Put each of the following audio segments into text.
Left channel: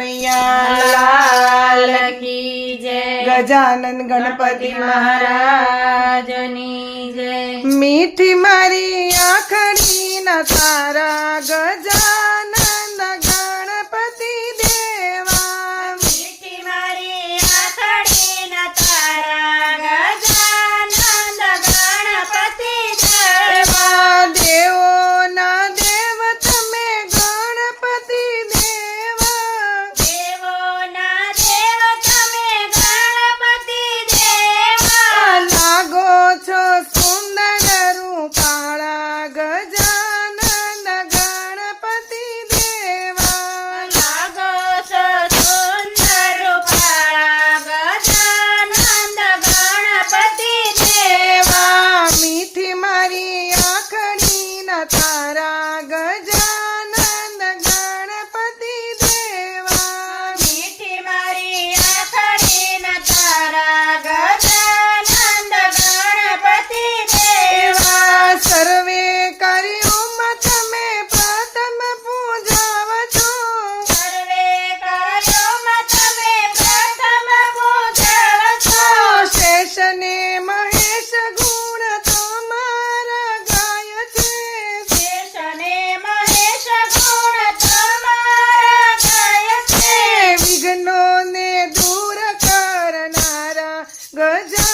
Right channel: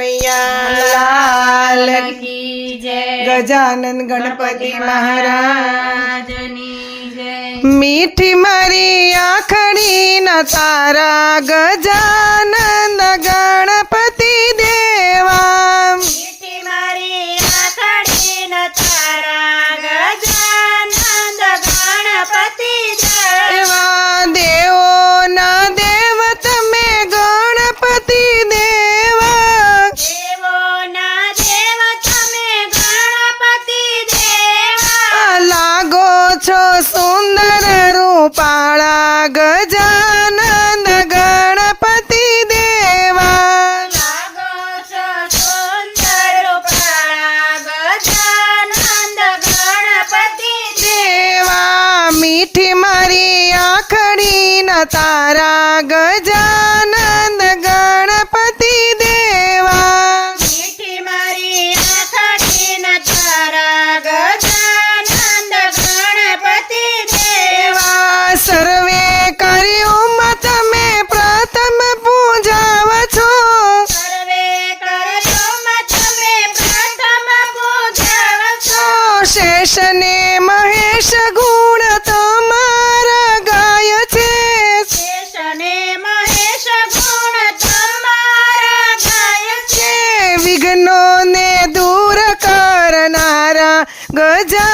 લાલ કી જય ગજાનન ગણપતિ મહારાજની જય મીઠી મારી આખડી ના તારા Gaja good job.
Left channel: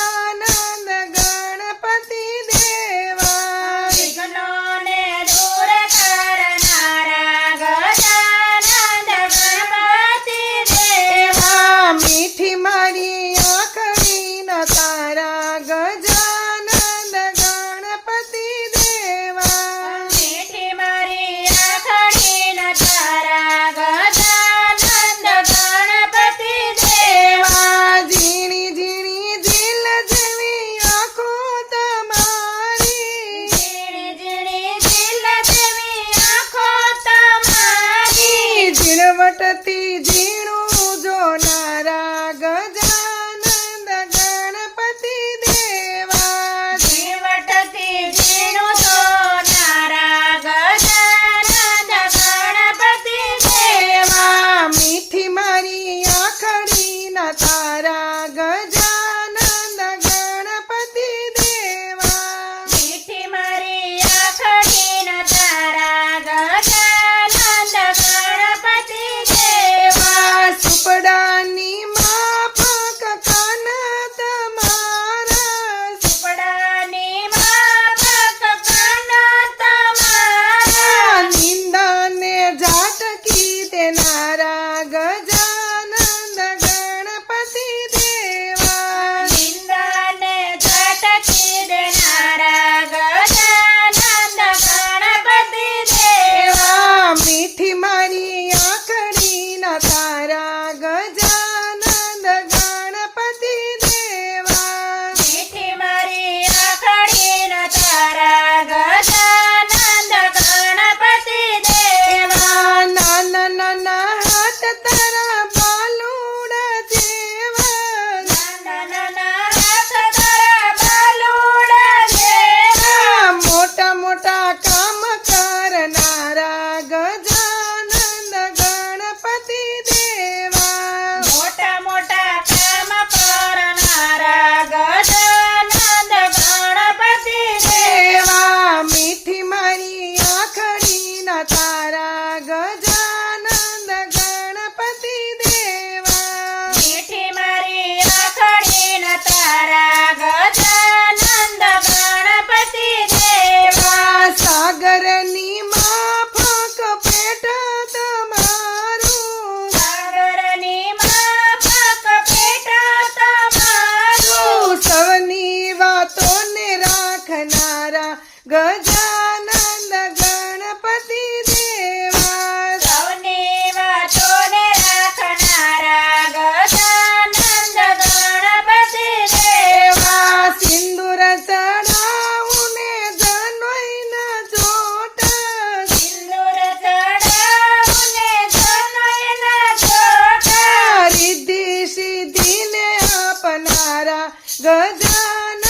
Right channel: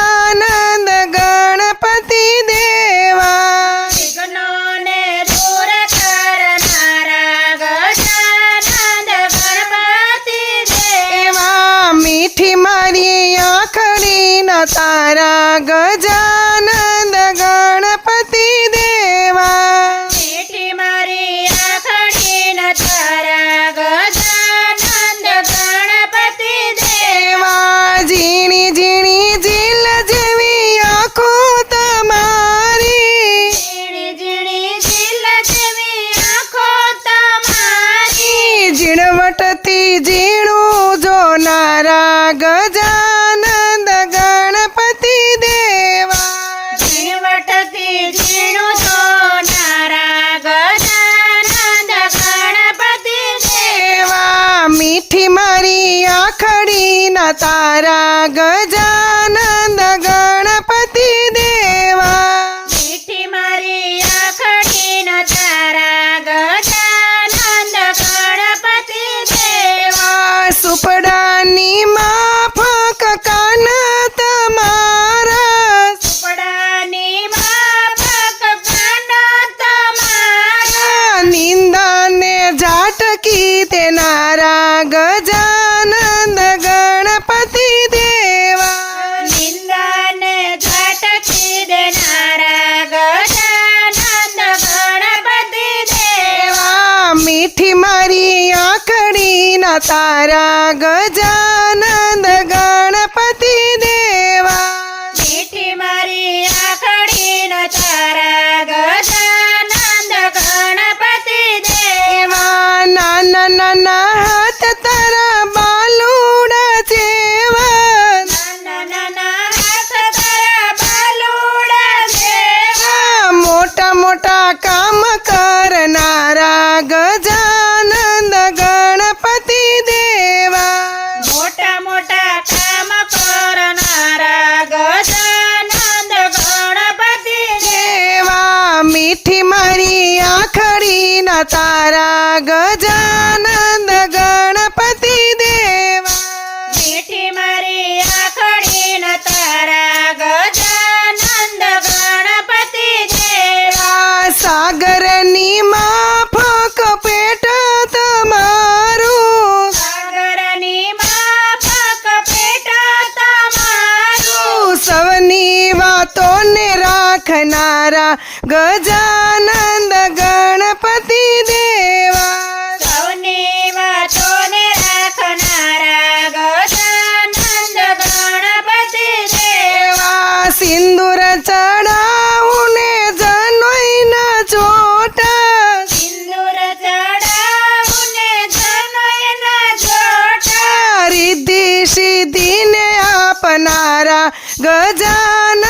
Good done.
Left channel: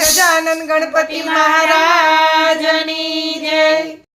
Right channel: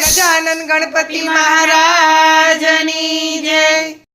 Gajanan Ganpati મહારાજની જય.